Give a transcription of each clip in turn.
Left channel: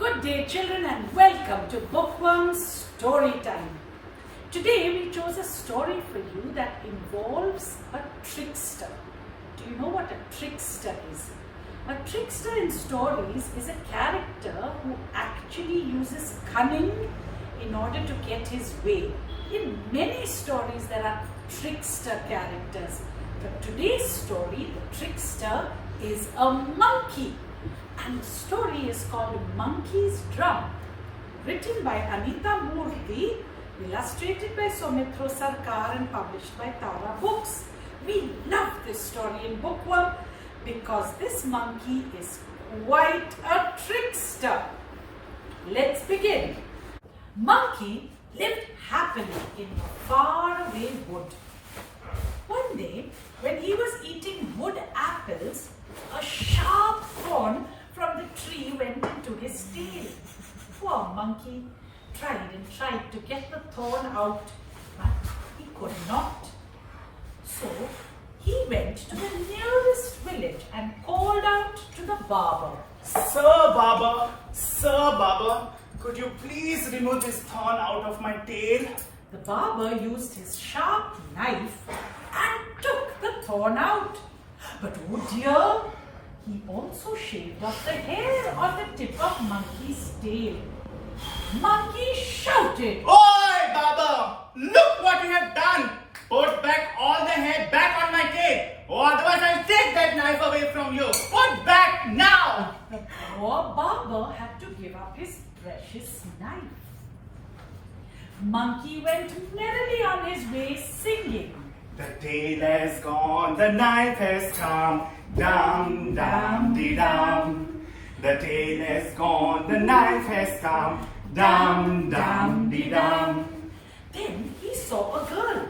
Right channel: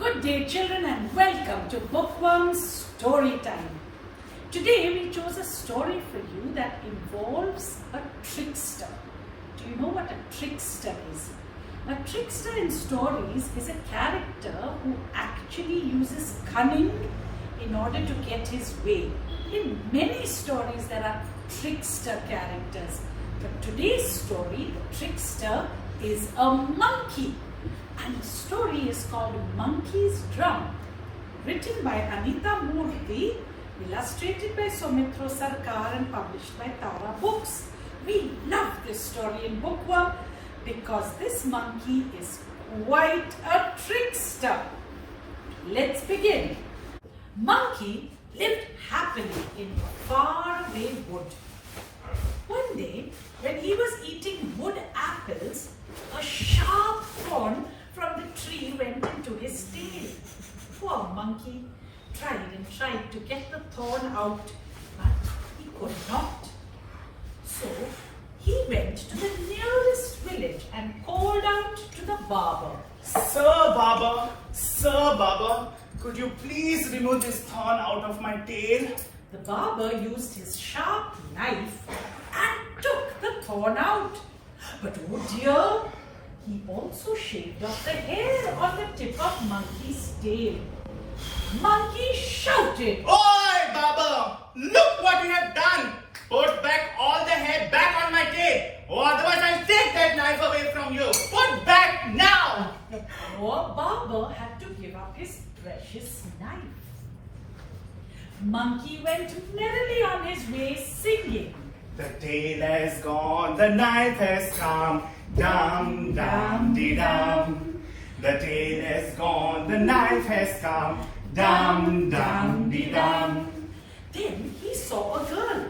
Good day children and welcome to Bookworm's Story Time. Today we chose a story for you that involves a trickster. Do you know what a trickster is? A trickster in stories is a character who actually uses cunning in order to get his way. In many stories there are trickster characters. But today's story, the trickster is a monkey. And the story is called Monkey's Drum. Written by Anita Moorthy, illustrated by Soumitra Sarkar and published by Tara Books. We love this story in Bookworm because this monkey is quite a trickster. Let's begin. Monkey lived happily in a faraway wood. One day, when he was eating wood apples, a sharp thorn from the tree went into his tail. Poor monkey tried and tried to get the thorn out, but he could not. So he went to the nearest village and called out to the barber. Sir Barber, could you please remove this thorn out of my tail? The barber used his sharp knife and took the thorn out. But oh dear, he also shaved off the hair on the tip of Monkey's tail. Monkey shouted, Oi, Barber! Look what you have done! Put back all the hair back on my tail, or otherwise I'll take that knife away from you. Put back now! The poor barber had to give up his precious knife. Monkey went merrily on his way singing. The tail has gone, the knife has come, dum dum dee dum. The tail has gone, the knife has come, dum dum dee dum. Then he saw a girl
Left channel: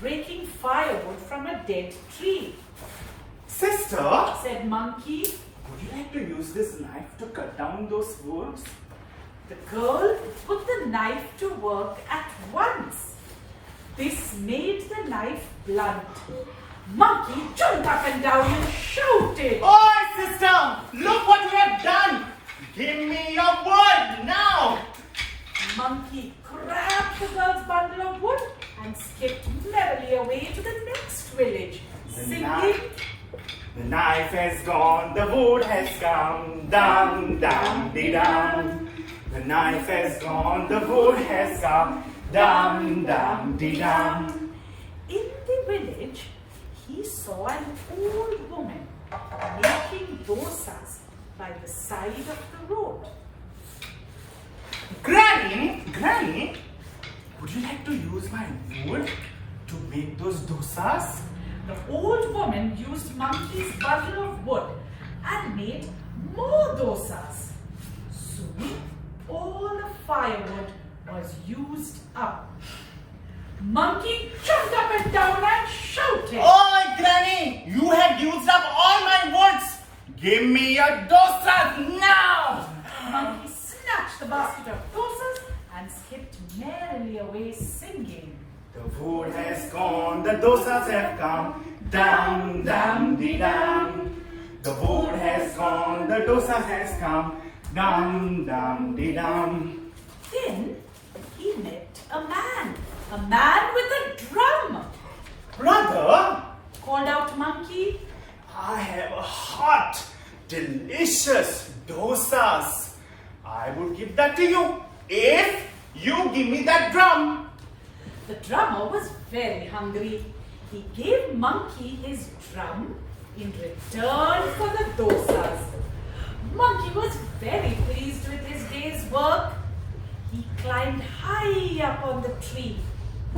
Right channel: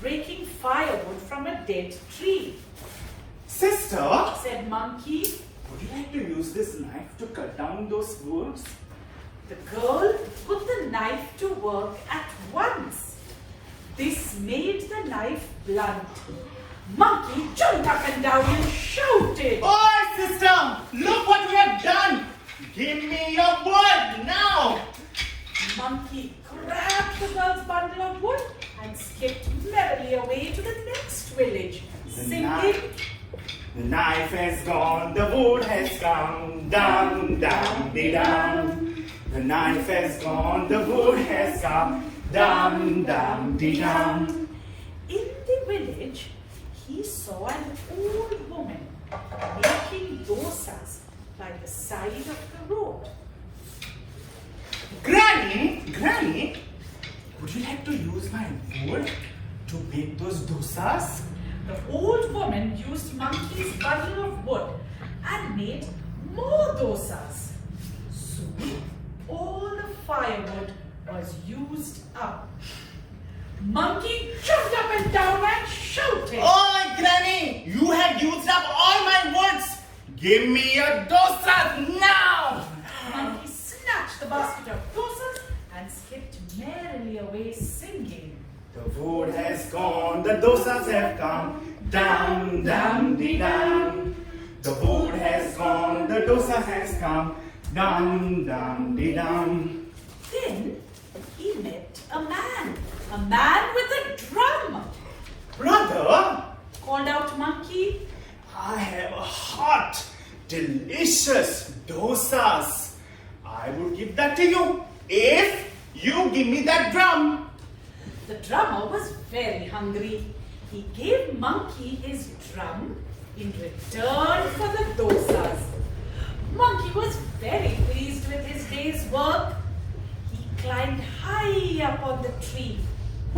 breaking firewood from a dead tree. Sister, Said Monkey. would you like to use this knife to cut down those woods? The girl put the knife to work at once. This made the knife blunt. Monkey jumped up and down and shouted, Oi, sister! Look what you have done! Give me your wood now! Monkey grabbed the girl's bundle of wood and skipped merrily away to the next village, singing, The knife has gone, the wood has come, dum dum dee dum. The knife has gone, the wood has come, dum dum dee dum. In the village, he saw an old woman making dosas by the side of the road. Granny, would you like to use my wood to make those dosas? The old woman used Monkey's bundle of wood and made more dosas. Soon, all the firewood was used up. Monkey jumped up and down and shouted, Oi, Granny! You have used up all my woods! Give me your dosas now! Monkey snatched the basket of dosas and skipped merrily away singing. The wood has gone, the dosas have come, dum dum dee dum. The wood has gone, the dosa has come, dum dum dee dum. Then he met a man with a drum. Brother, Called out Monkey. I have a hot, delicious dosas. I would give that to you if you give me that drum. The drummer was very hungry. He gave Monkey his drum in return for the dosas. Monkey was very pleased with his day's work. He climbed high up on the tree,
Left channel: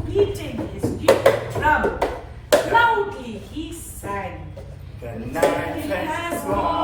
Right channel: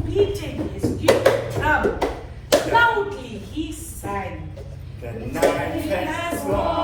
beating his new drum. Loudly he sang, The knife has gone.